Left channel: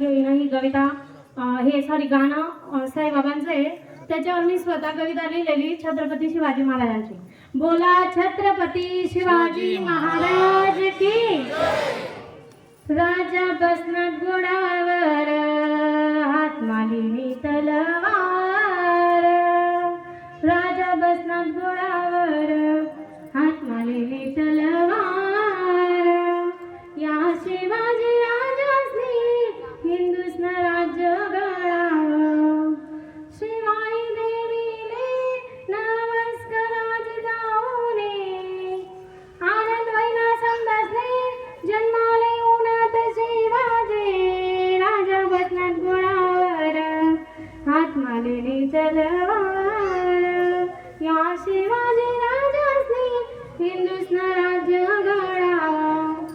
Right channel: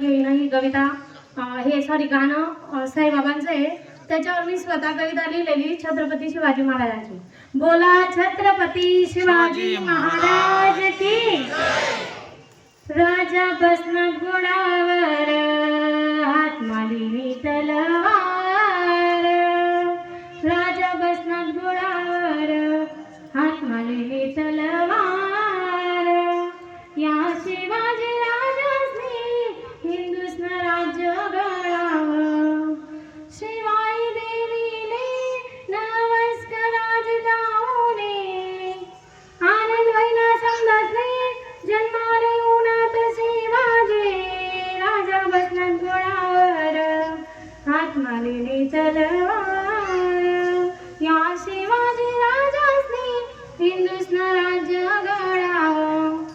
ही कविता हे सॉरी गाणं साईबाबांचं आहे. त्याच्यावर मी स्वतः कविता लिहिलेली छत्रपती शिवाजी महाराजांची. बोला छत्रपती शिवाजी महाराज की. राजा बसनात घोड्यावर हात मालिनी तलवार. राजा बसनात घोड्यावर हात मालिनी तलवार. या शिवाजी राजाने हिंदुस्थान राज्य गळावं. शिवाई देवीने नमस्कार जाऊने. आनंद वैना समजासने जन्माले उन्हात शिवाजी. राजा बसनात घोड्यावर हात मालिनी तलवार. या शिवाजी राजाने हिंदुस्थान राज्य गळावं.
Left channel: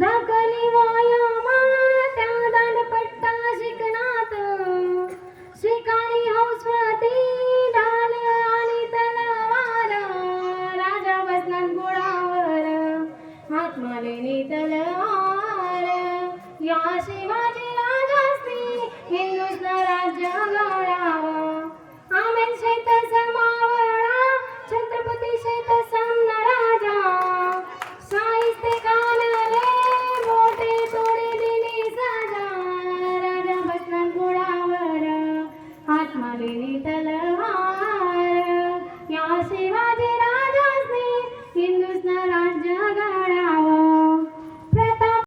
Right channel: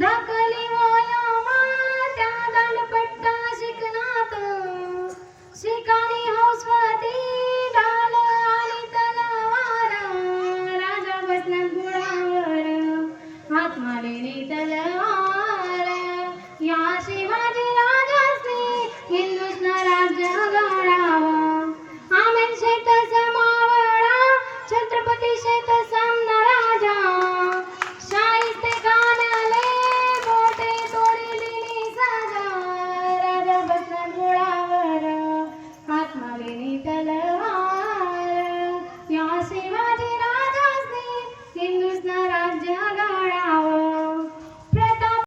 धाकली वयामात दांडपट्टा शिकणात. शिकारी हौसवती ढाल आणि तलवार. राजा बसनात घोड्यावर हात मालिनी तलवार. या शिवाजी